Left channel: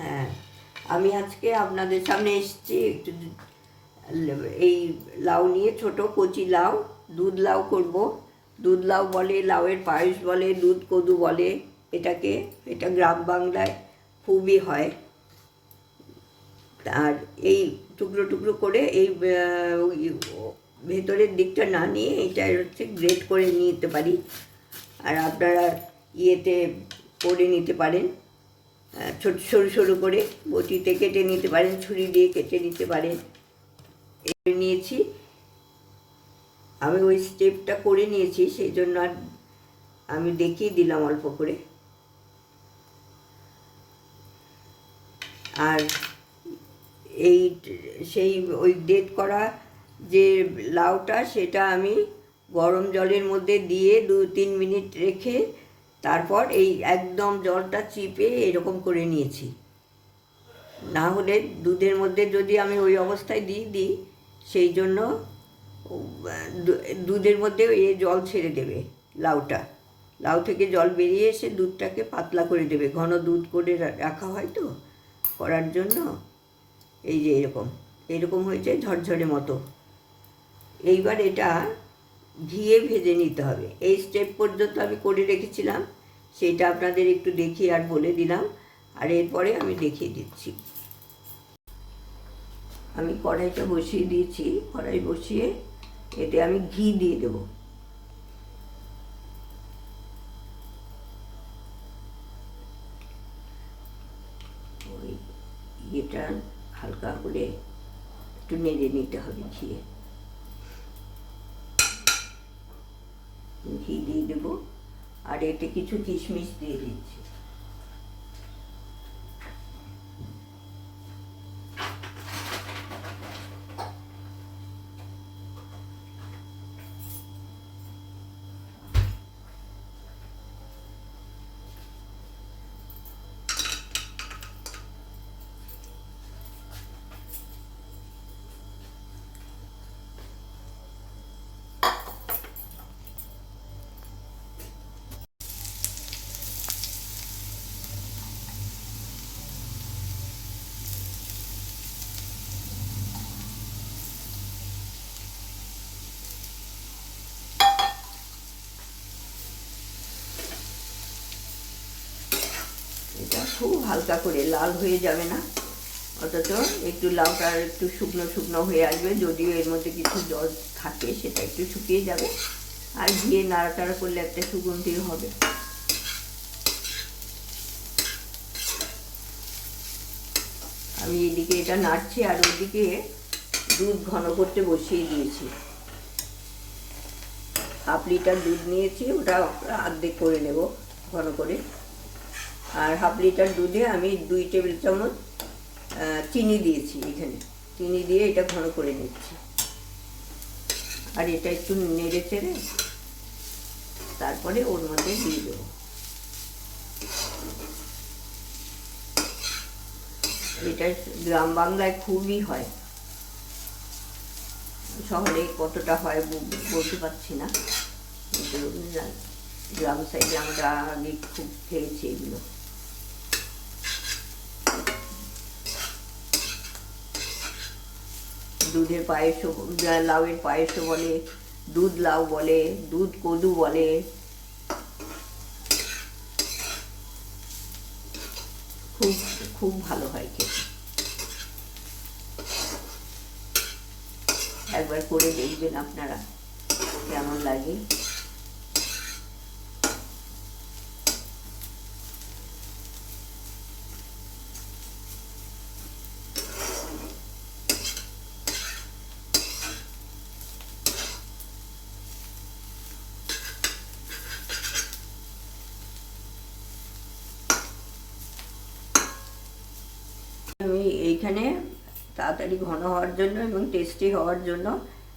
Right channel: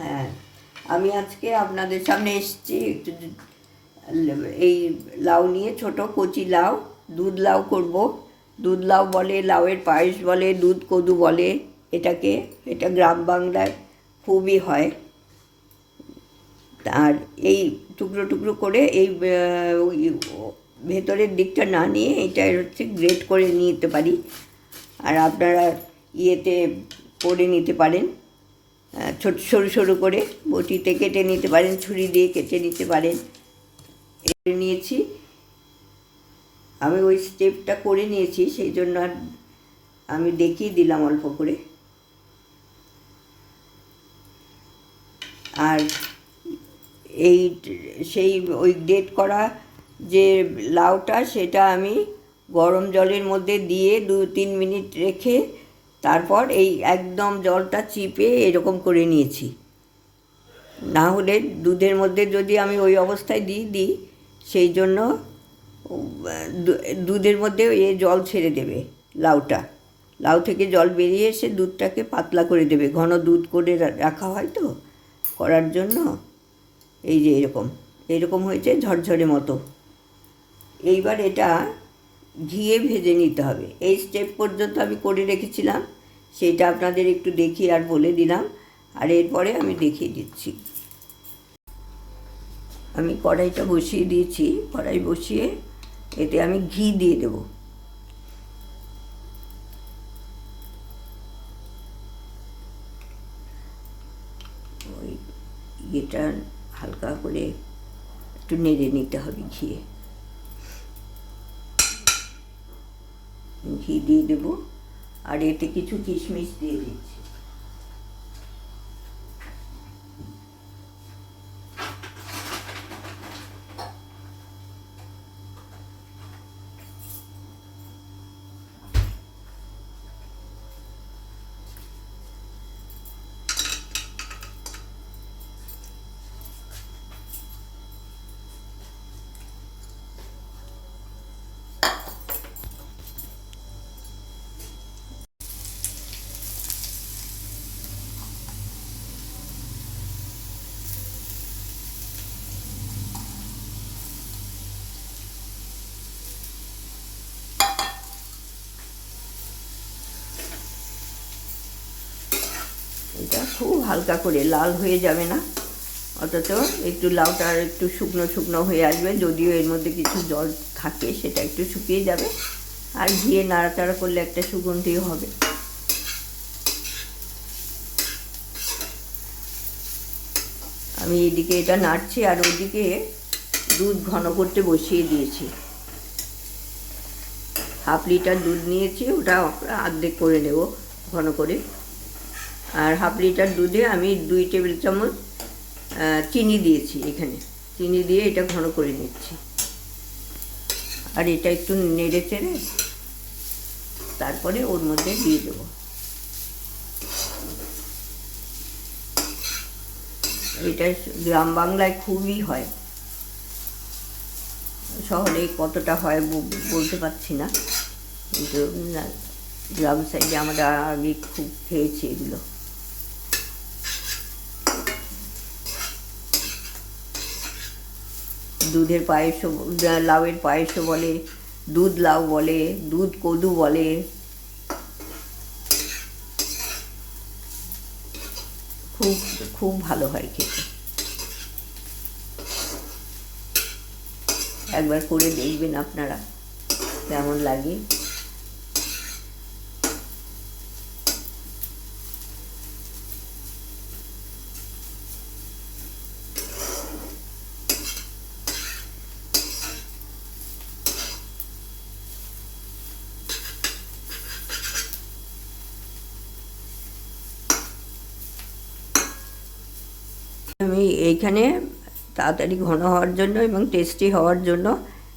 হ্যাঁ, আমি আজকে আপনাদের সামনে এসেছি একটু এই লাউ নিয়ে, ছোট কচি লাউ, দুধ লাউ করব। দুধ লাউ বলে, লাউয়ের পায়েস বলে, দুধ কদু বলে এটাকে। এটা গ্রাম বাংলায় খুবই হয়। আর এই টুকরো টুকরো করে এই ভেতরের দিকটা না নিয়ে এটা হচ্ছে গ্রেট করে নিতে পারি। আর আপনারা ইয়েতে করে নিতে পারেন, ছোট সরু সরু করে বটিতে কেটে নিতে পারেন, ছুরি দিয়ে কেটে নিতে পারেন। এটা নিয়েছি আমি, ওই স্টেপটা করে নিয়েছি, সেই জন্য আর আমি দেখিয়ে দিলাম অল্প করে। আর এই সেই ওই গ্রেট করা যে লাউটা, সেটা আমি গরম জলের মধ্যে দিয়ে 2-3 মিনিট রেখে তারপর এই একদম জলটা চিপে এরকম করে নিয়েছি। না হলে দুধের মধ্যে যদি আমি ওই অবস্থায় দিই, সেই জন্য দুধের মধ্যে জল ছেড়ে দেবে লাউটা। লাউ থেকে জল বেরিয়ে এসে দুধটাকে পাতলা করে দেবে, ঘন দুধ করে রাখা হয় তো করার জন্য। এই যে এরকম হয়েছে ঝরঝরে মতো। এইবার এটা ঘিয়ে ভেজে নিতে হবে। এই স্টেপ পর্যন্ত আমি করে রেখেছিলাম, সেইটা আপনাদের একটু দেখিয়ে আর বলে দিলাম। আর এরপরে আমি দেখিয়ে দিচ্ছি। আমি কড়াইটা বসিয়ে দিয়েছি, কড়াই বসিয়ে এতে আমি ঘি দিয়ে দেব। ওই ঘিটা হালকা করে একটু নেড়ে নিতে হবে। ঘি দিয়ে দেব, আর এতে কিছু কিশমিশ দিয়ে দিচ্ছি। এটা খুব হালকা করে, লাল হয়ে যাবে না, অথচ একটু লাউটা একটু শুকনো শুকনো হয়ে আসবে। যদিও এর মধ্যে কিছু জল থাকে, সেটা একটু শুকিয়ে যাবে। আর ঘিয়ে নাড়াচাড়া করলে একটা সুগন্ধিও হবে। আমি এদিকে এটা নাড়ছি, আর ওইদিকে দুধ ঘন করতে বসিয়ে দিয়েছি। 1/2 লিটার দুধ নিয়েছি, ওটা অর্ধেক করে নেব ঘন করে। আর 1/2 লিটার দুধে আমি 2 টেবিল চামচ চিনি দিয়েছি। এখানে চিনি দিয়ে এটা ঘন করে নিচ্ছি। আর এটা একটু নেড়ে চেড়ে তারপরে ওর মধ্যে দিয়ে দেবো। এটা গ্রাম বাংলায় খুবই হয়, শহরে কতটা হয় বলতে পারছি না, কিন্তু গ্রাম সাইডে আমরা আগে খুব খেয়েছি এগুলো। দুধের পায়েসও, লাউয়ের পায়েসও বলে, দুধ লাউ বলে, দুধ কদু বলে। খুব খুব ভালো হয় খেতে। একবার করে দেখবেন আপনারা কেমন লাগে। আমি এইখানে তাড়াতাড়ি ঘন হওয়ার জন্য এবং টেস্টি হওয়ার জন্য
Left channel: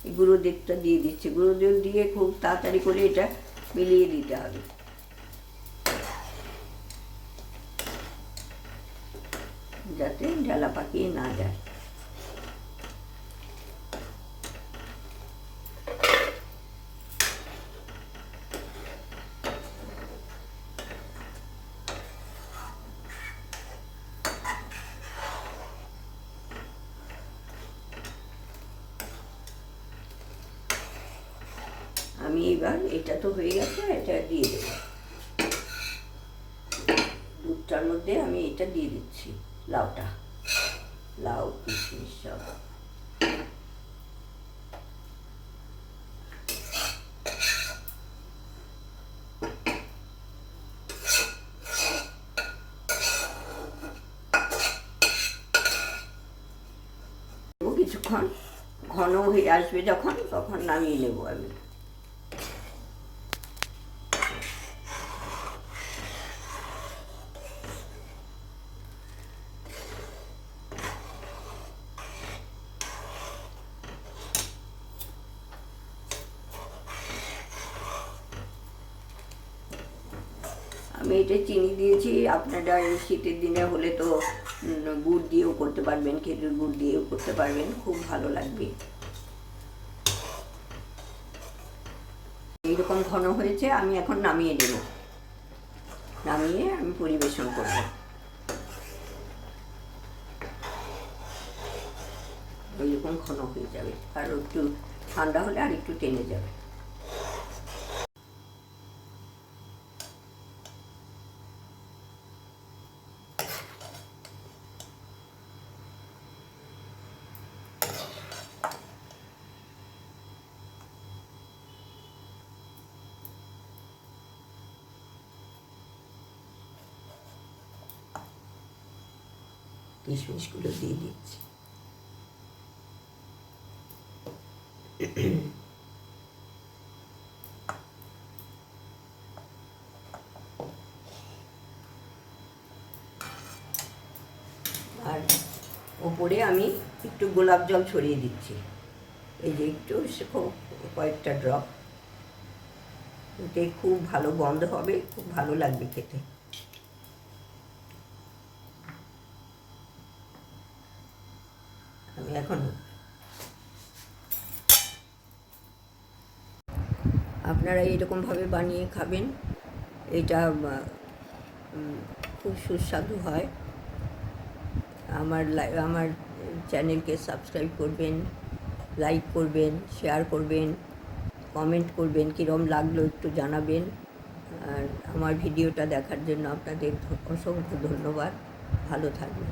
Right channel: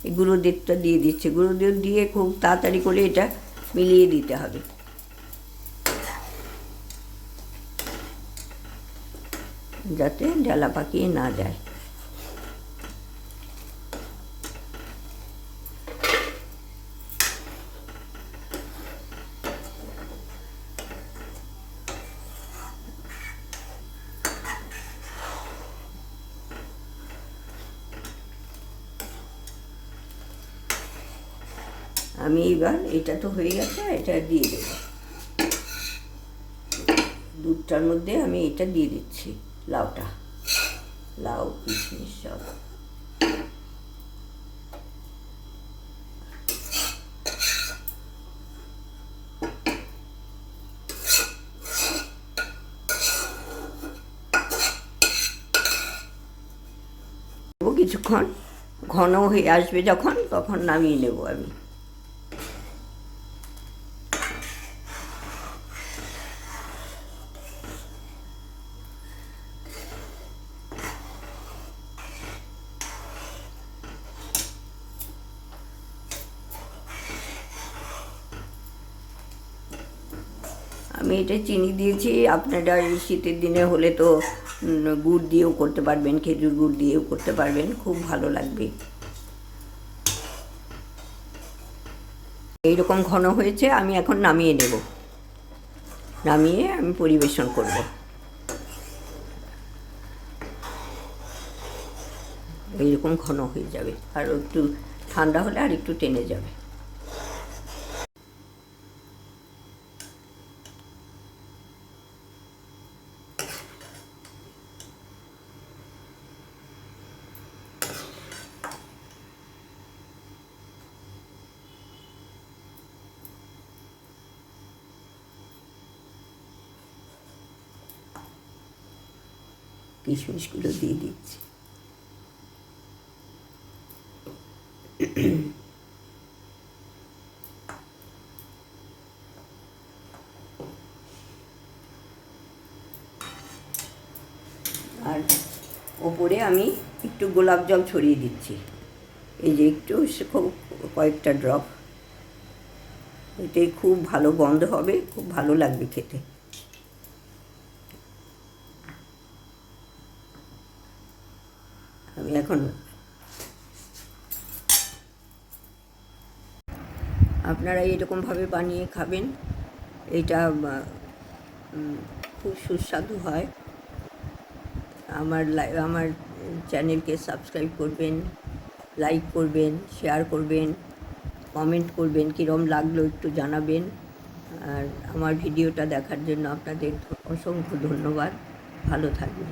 এই গুঁড়ো দুধটা দিয়ে দিচ্ছি। গুঁড়ো দুধ দিয়ে খুব তাড়াতাড়ি করে এটা মিলিয়ে দিতে হবে, যাতে ডালা পাকিয়ে না যায়। আমি এবার এটা তো হয়ে গেছে, এটা দিয়ে দেব। দুধটার মধ্যে আমি এটা দিয়ে দিচ্ছি, লাউটা, লাউ কিশমিশ সব। কিছুক্ষণ ঘন হয়ে আসবে যখন, তখন নামিয়ে নেব আমি। আমি এটা চিনি দিয়েছি, আপনারা এই শীতের দিনে হলে তো গুড় দিয়েও করতে পারবেন, খেজুর গুড় দিয়েও করতে পারবেন, খুব ভালো লাগবে। এইরকম ঘন হয়েছে, আমি এখন নামিয়ে নেব, নামিয়ে আমি পরিবেশন করব। এইরকম ঘন হয়ে যাবে, আর একটু ঠান্ডা হলে আর একটু টেনে যাবে। কিশমিশগুলো দিয়ে দিচ্ছি। আর ওপরে আমি একটু গোলাপ জল ছড়িয়ে দিচ্ছি, এই যে একটু কয়েকটা ড্রপ। এতে খুব ভালো গন্ধ হবে, খুব ভালো লাগবে খেতে। আমি এখন আপনারা এরকমভাবে বানিয়ে খাবেন, এটা খুব সুস্বাদু হয়। আমার চ্যানেলকে সাবস্ক্রাইব করবেন, লাইক করবেন, শেয়ার করবেন, কমেন্ট করবেন, কীরকম লাগলো একটু জানাবেন। আর আমার ভিডিওটা দেখার জন্য আপনাদের অসংখ্য ধন্যবাদ। ভালো থাকবেন।